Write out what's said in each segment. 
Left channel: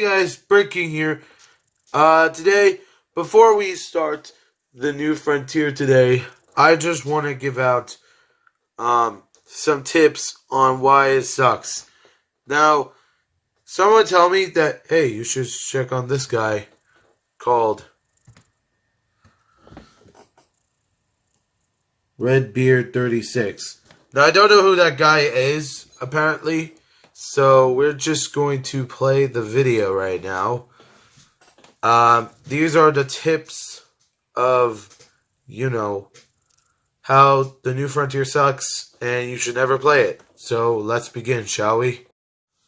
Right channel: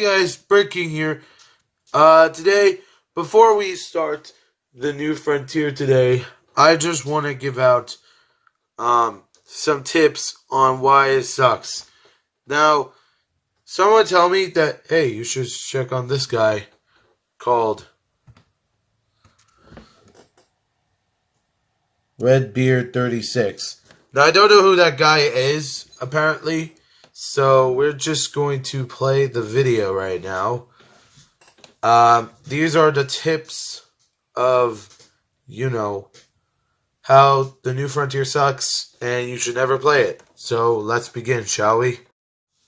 Hey guys, breaking here. Today, before we start the new frontier today, I just want to give out some tips on why it sucks. Now, someone tell me that, hey, you should check on this guy called Redbeard36. Now, I don't know who that guy is, apparently, so we're just going to play the video right now. These are the tips of, how the new frontier sucks, and you should never play it. So let's begin, shall we?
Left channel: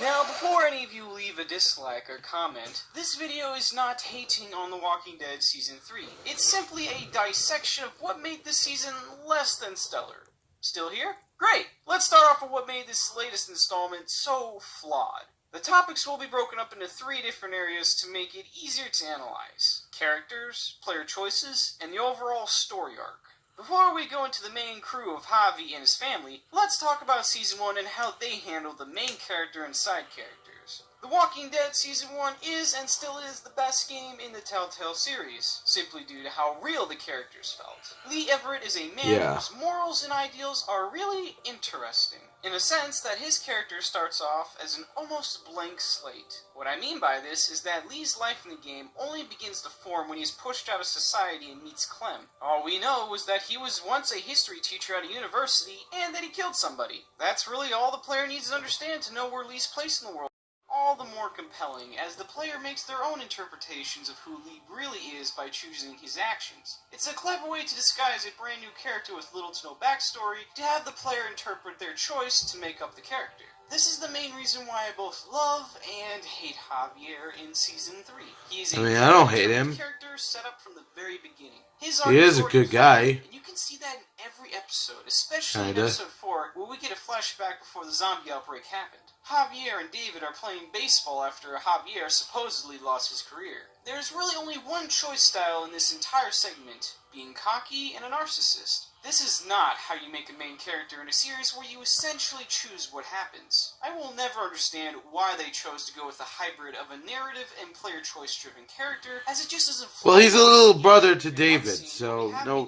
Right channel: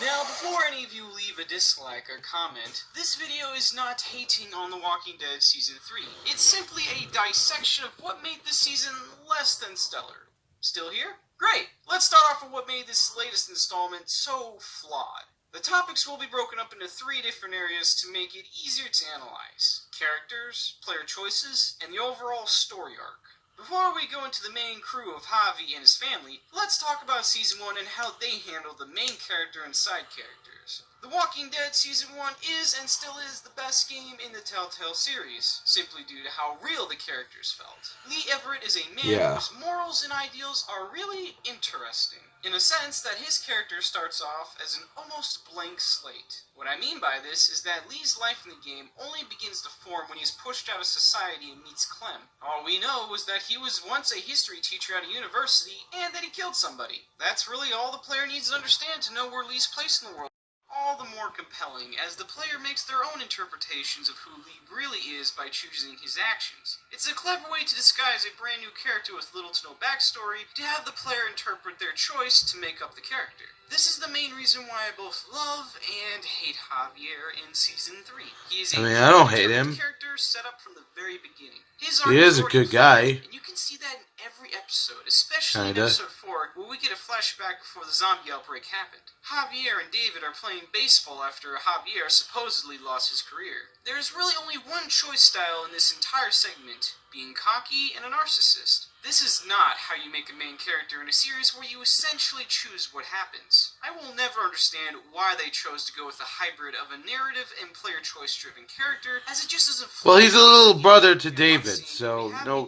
Now, before any of you leave a dislike or comment, this video is not hating on The Walking Dead Season 3. It's simply a dissection of what made this season less than stellar. Still here? Great! Let's start off with what made this latest installment so flawed. The topics will be broken up into 3 different areas to make it easier to analyze: characters, player choices, and the overall story arc. Before we go into the main crew of Javi and his family, let's talk about Season 1 and how they handled the main character and side characters. The Walking Dead Season 1 is and still is the best game in the Telltale series, simply due to how real the characters felt. Lee Everett is a man whose morals and ideals are really interesting, in a sense that his character starts off as an almost blank slate. What I mean by this is that Lee's life in the game only begins to form when he's pushed out of society and meets Clem. All we know was that he was once a history teacher at a university and that he killed somebody. That's really all the player needs to understand to know where Lee's place in the world. All the more compelling as the player makes their own interpretations of who Lee really is by choosing his actions. It's a clever way to disguise a brand new character with little to no backstory to have the player interpret their choice to make up the character. This is the main reason why I both love and hate Javier in Season 3. He is I don't hate him. Character set up from the very beginning. He is a good guy. And you can see that in every episode, especially in episode 4, where we get a flashback before the zombie outbreak happened. Javier and David are playing baseball after Javier supposedly lost his career. There is really only one choice style in this entire segment: being cocky and a narcissist. This is not how you make a main character in a series where you essentially choose what happens. I will never understand why they chose to go with a hybrid of a narrative and player choice driven character, as it just doesn't flow. Well, he's a little brother to David, so no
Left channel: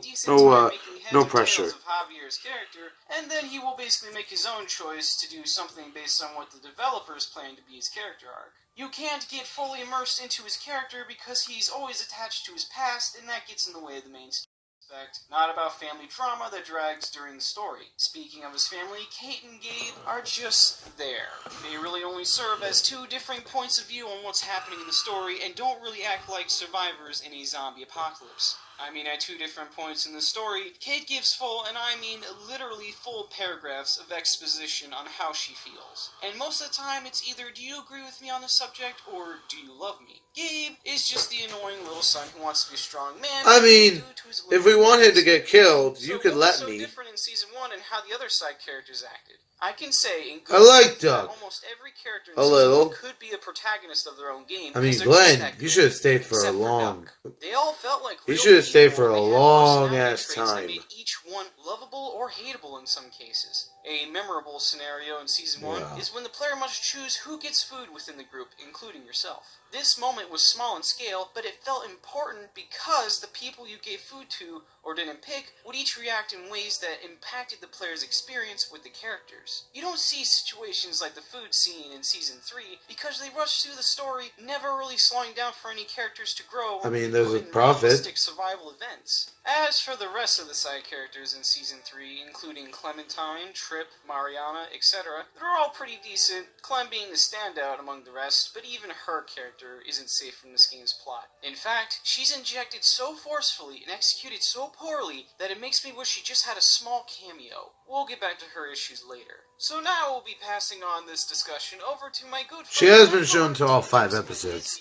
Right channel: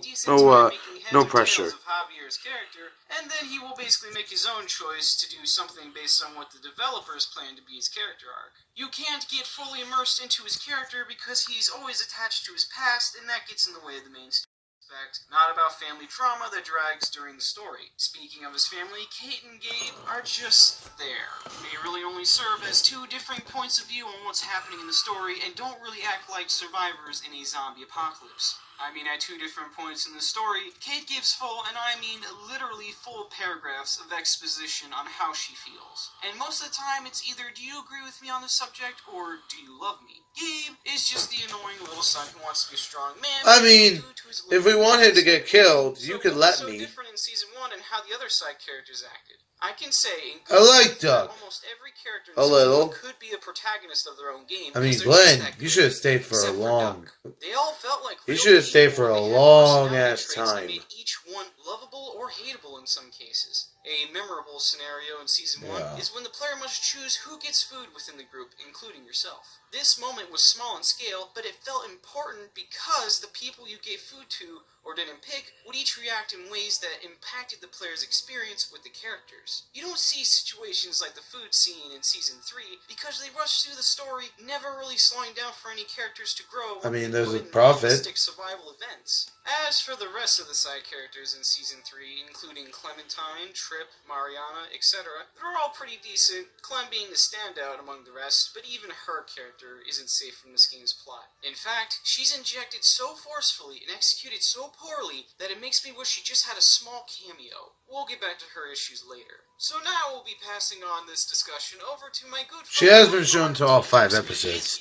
pressure. Of Javier's character, and then he will basically make his own choice to do something based on what the developers plan to be his character arc. You can't get fully immersed into his character because he's always attached to his past, and that gets in the way of the main story. Not about family drama that drags during the story. Speaking of his family, Kate and Gabe are just there. They really only serve as 2 different points of view on what's happening in the story and don't really act like survivors in a zombie apocalypse. At 2 different points in the story, Kate gives full, and I mean literally full paragraphs of exposition on how she feels. And most of the time, it's either do you agree with me on this subject, or do you love me? Gabe is just the annoying little son who wants to be a strong man. If we want him to get killed, you could let me. Different in Season 1 and how the other side characters acted. I can say I like Doug. Almost every character a little could be a protagonist of their own game. Glenn, you should have stayed for a long. They all felt like you should have stayed for a long ass time. Made each one lovable or hateable in some cases. A memorable scenario in Season 1 is when the player must choose who gets food within the group, including yourself. This moment was small in scale, but it felt important because the people you gave food to or didn't pick would each react in ways that impacted the player's experience with the characters. You don't see situations like the food scene in Season 3 because they rush through the story, never really slowing down for any characters to grow. There's a prophet. Survival events. As for the rest of the side characters in Season 3, including Clementine, Trip, Mariana, etc., they're all pretty decent, Clem being the standout among the rest, but even her character isn't safe from this game's plot. In fact, she's injected so forcefully and executed so poorly that it makes me wish she just had a small cameo. We'll get back to her issues later. So now we'll be passing on this discussion over to my good friend. She has been shown to all 5 episodes.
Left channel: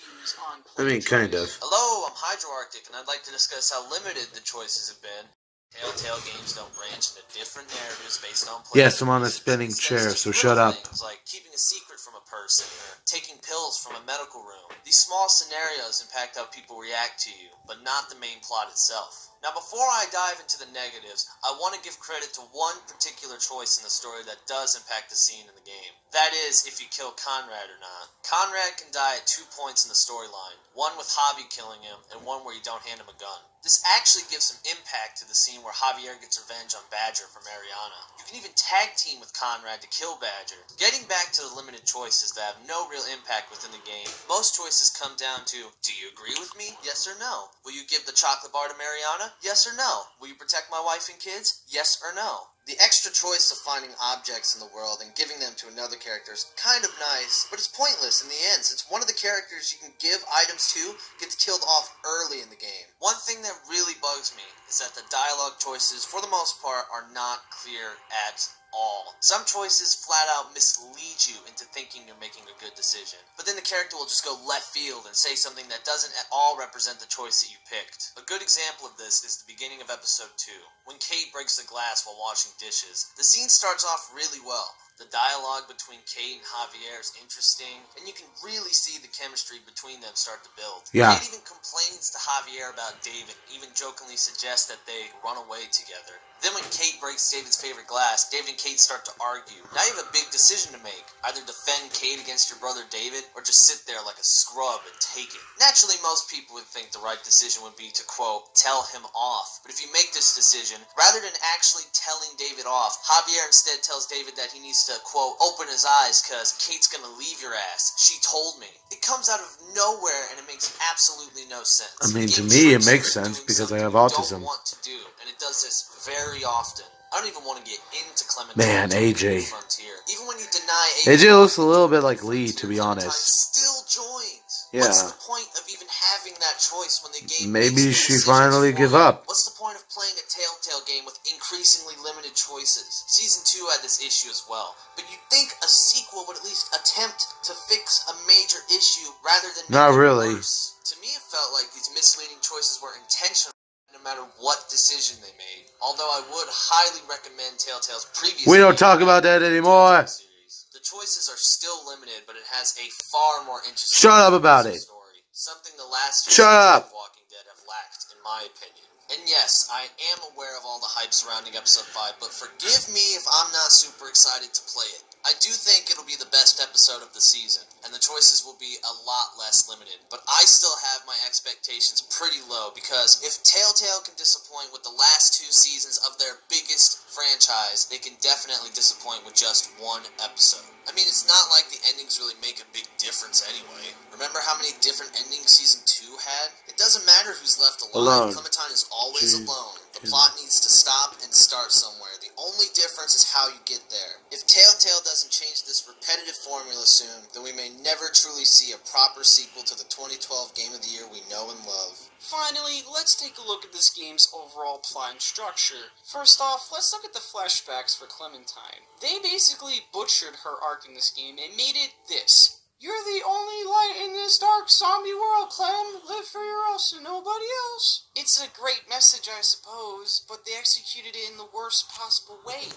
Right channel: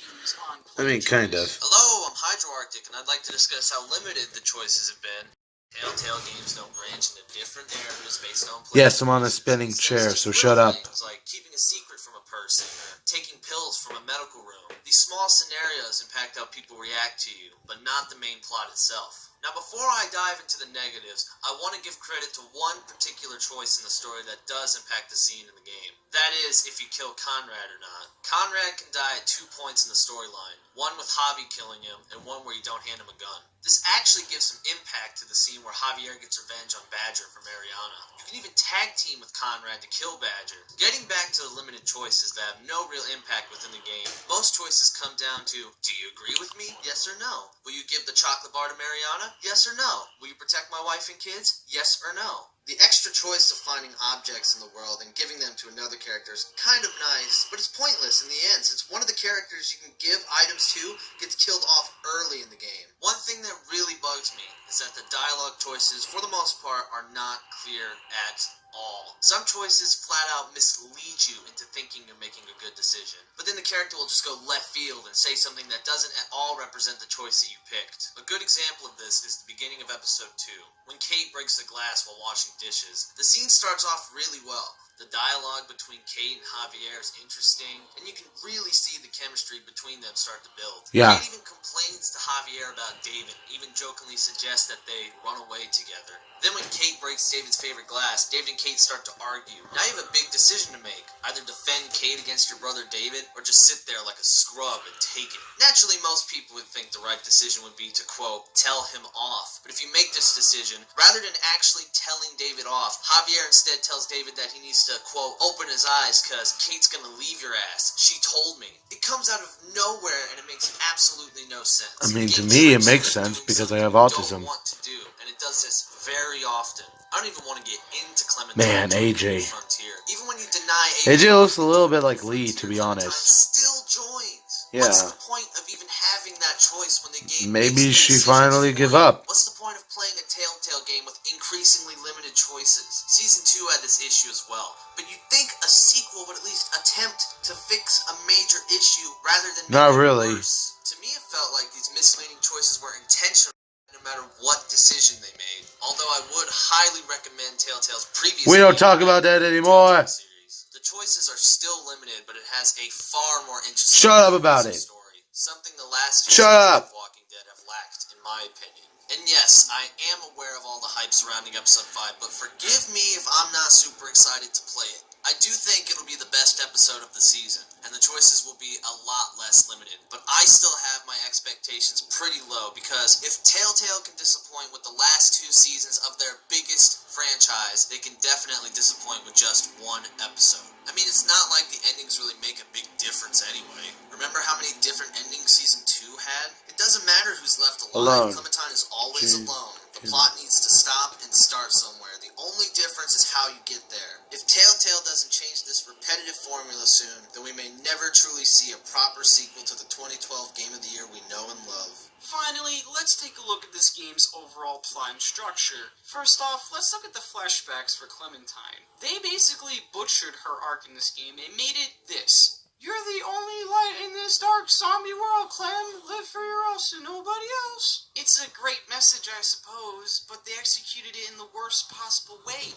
Kind of. Hello, I'm HydroArctic, and I'd like to discuss how limited the choices have been. Telltale games don't branch into different narratives based on players. Yes, I'm on a spinning chair, so shut up. Things like keeping a secret from a person, or taking pills from a medical room. These small scenarios impact how people react to you, but not the main plot itself. Now, before I dive into the negatives, I want to give credit to one particular choice in the story that does impact the scene in the game. That is, if you kill Conrad or not. Conrad can die at 2 points in the storyline, one with Javi killing him, and one where you don't hand him a gun. This actually gives some impact to the scene where Javier gets revenge on Badger for Mariana. You can even tag team with Conrad to kill Badger. Getting back to the limited choices that have no real impact within the game, most choices come down to, do you agree with me? Yes or no? Will you give the chocolate bar to Mariana? Yes or no? Will you protect my wife and kids? Yes or no? The extra choice of finding objects in the world and giving them to another character is kind of nice, but it's pointless in the end since one of the characters you can give items to gets killed off early in the game. One thing that really bugs me is that the dialogue choices, for the most part, are not clear at all. Some choices flat out mislead you into thinking you're making a good decision, but then the character will just go left field and say something that doesn't at all represent the choice that you picked. A good example of this is the beginning of episode 2, when Kate breaks the glass while washing dishes. The scene starts off really well. The dialogue between Kate and Javier is interesting, and you can really see the chemistry between them start to build. Yeah. Kate even complains to Javier about David, even jokingly suggests that they run away together. Then when Kate breaks David's favorite glass, David and Kate start to argue. Now you have a big decision to make. Either defend Kate against your brother David, or just sit there like a scrub and take it. Naturally, most people would think the right decision would be to, quote, tell him off. But if you make this decision, rather than actually telling David off, Javier instead tells David that he needs to, quote, open his eyes cause Kate's gonna leave your ass. She told me. It comes out of nowhere and it makes absolutely no sense. I mean, to me, it makes sense because I have autism. Don't want to do, and it does this very often. I don't even want to get into Clementine. Man, AJ. Frontier. Even when you deny AJ looks a little bit like Lee, to be honest. Still joins. Yeah. What's the point of even having that choice when the game Maybe makes she decisions finally for give you? up. What's the point of playing a Telltale game with increasingly limited choices? Season 2 had this issue as well, but you'd think a sequel would at least attempt to fix a major issue rather than Not make it really. worse. To me, it felt like these misleading choices were intentional no matter what decision they made. Although I would highly recommend Telltale's previous We don't game, talk about that anymore. series. The choices are still limited, but it has a far more interesting Shut up about it. story. Something the last two Shut seasons up. of Walking Dead have lacked, in my opinion. And yes, I am aware of all the hype surrounding episode 5, but forgive me if I'm not super excited to play it. I do think it'll be the best episode of the season, and the choices will be a lot less limited, but I still have my expectations pretty low, because if Telltale can disappoint with the last 2 seasons of their biggest franchise, they can definitely disappoint with just one episode. I mean, it's not like the endings really make a big difference anyway. Remember how many different endings season 2 had? It doesn't matter who's left alive. Clementine is always alone. The plot needs to stop and start somewhere. The only difference is how you get there. If Telltale doesn't change this repetitive formula soon, then we may never truly see a proper sequel to the 2012 Game of the Year we know and love. Finally, let's take a look at this game's overall plot and structure. First off, let's look at the flashbacks for Clementine. They basically butchered her arc in this game and made it this. You're the only light in this dark zombie world, Clem. Live for your else and nobody else. It's a great message, I suppose, but they executed it in the worst possible way.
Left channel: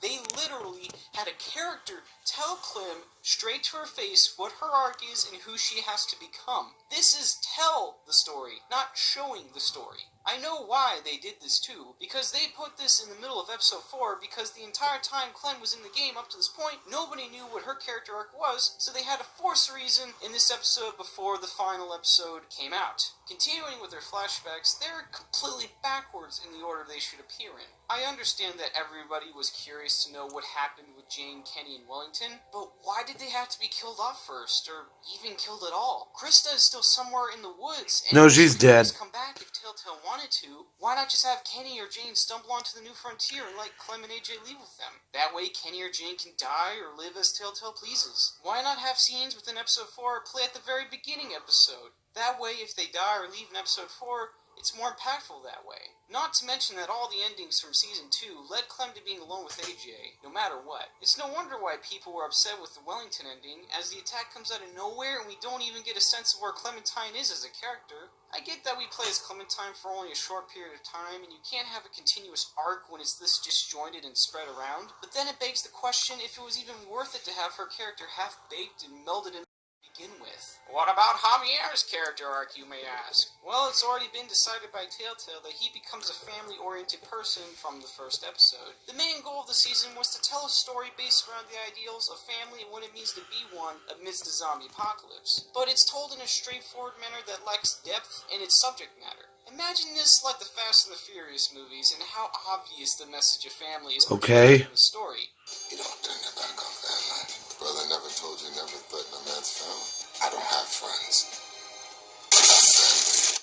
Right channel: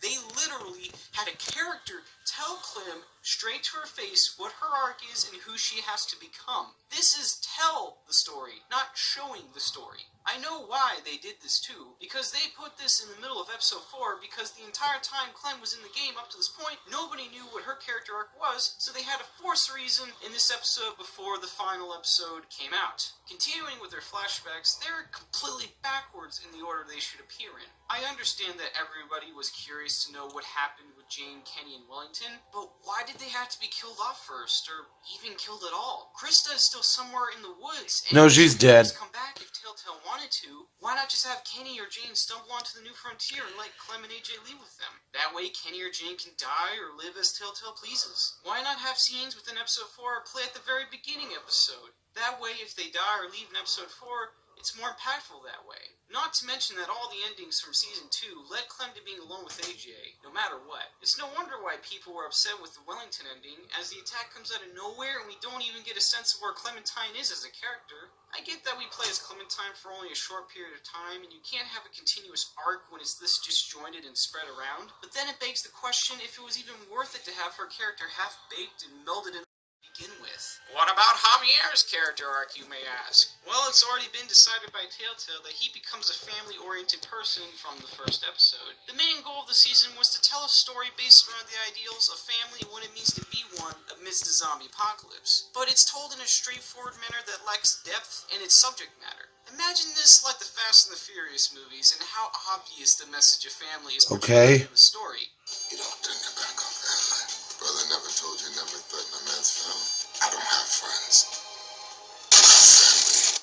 They literally had a character tell Clem straight to her face what her arc is and who she has to become. This is tell the story, not showing the story. I know why they did this too, because they put this in the middle of episode 4 because the entire time Clem was in the game up to this point, nobody knew what her character arc was, so they had to force a reason in this episode before the final episode came out. Continuing with their flashbacks, they're completely backwards in the order they should appear in. I understand that everybody was curious to know what happened with Jane, Kenny, and Wellington, but why did they have to be killed off first, or even killed at all? Krista is still somewhere in the woods, and No, she's she could dead. just come back if Telltale wanted to. Why not just have Kenny or Jane stumble onto the new frontier and let Clem and AJ leave with them? That way Kenny or Jane can die or live as Telltale pleases. Why not have scenes within episode 4 play at the very beginning episode? That way if they die or leave in episode 4, it's more impactful that way. Not to mention that all the endings from Season 2 led Clem to being alone with AJ, no matter what. It's no wonder why people were upset with the Wellington ending, as the attack comes out of nowhere and we don't even get a sense of where Clementine is as a character. I get that we play as Clementine for only a short period of time, and you can't have a continuous arc when it's this disjointed and spread around, but then it begs the question if it was even worth it to have her character half-baked and melded in the begin with. What about Javier's character arc, you may ask? Well, it's already been decided by Telltale that he becomes a family-oriented person from the first episode. The main goal of the season was to tell a story based around the ideals of family and what it means to be one amidst the zombie apocalypse. But it's told in a straightforward manner that lacks depth in its subject matter. Imagine this like the Fast and the Furious movies and how obvious the message of family is portrayed in the story. You don't turn your back on family. Brother never told you never threaten a man's family. I don't have friends.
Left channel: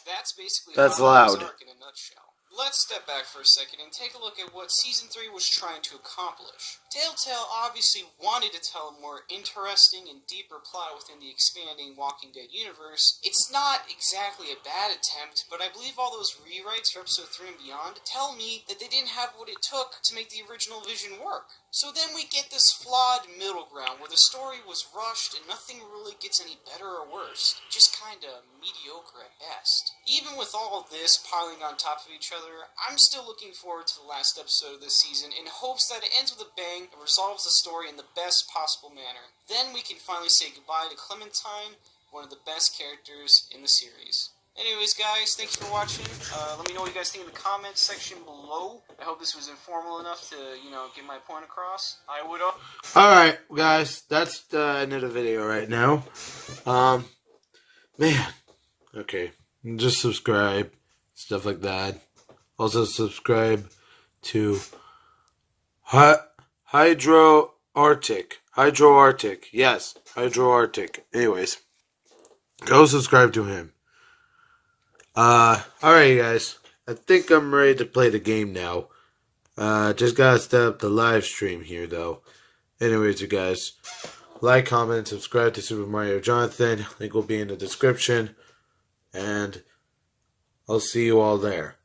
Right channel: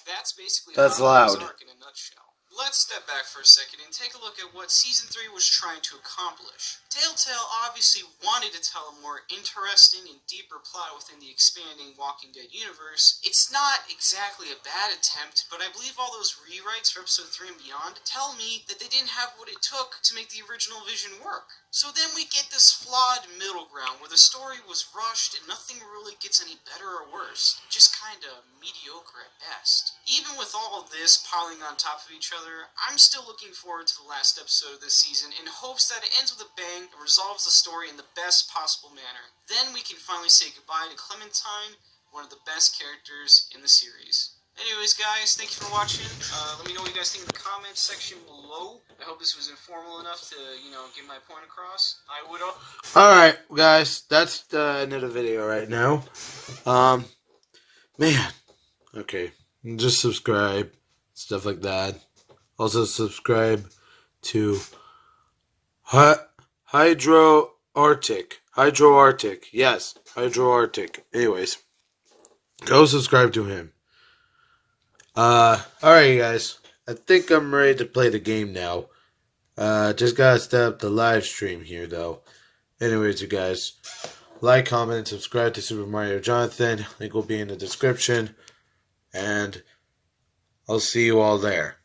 That's basically That's Javier's loud. arc in a nutshell. Let's step back for a second and take a look at what Season 3 was trying to accomplish. Telltale obviously wanted to tell a more interesting and deeper plot within the expanding Walking Dead universe. It's not exactly a bad attempt, but I believe all those rewrites for Episode 3 and beyond tell me that they didn't have what it took to make the original vision work. So then we get this flawed middle ground where the story was rushed and nothing really gets any better or worse, just kinda mediocre at best. Even with all of this piling on top of each other, I'm still looking forward to the last episode of this season in hopes that it ends with a bang and resolves the story in the best possible manner. Then we can finally say goodbye to Clementine, one of the best characters in the series. Anyways, guys, thank you for watching. Let me know what you guys think in the comments section below. I hope this was informal enough to, get my point across. I would... Alright, guys, that's the end of the video right now. Man. Okay. Just subscribe. Stuff like that. Also subscribe to Hydro Arctic. Yes, Hydro Arctic. Anyways, go subscribe to him. Alright, guys. I think I'm ready to play the game now. Just gotta set up the live stream here, though. Anyways, you guys, like, comment, and subscribe to Super Mario Jonathan. Link will be in the description. And I'll see you all there.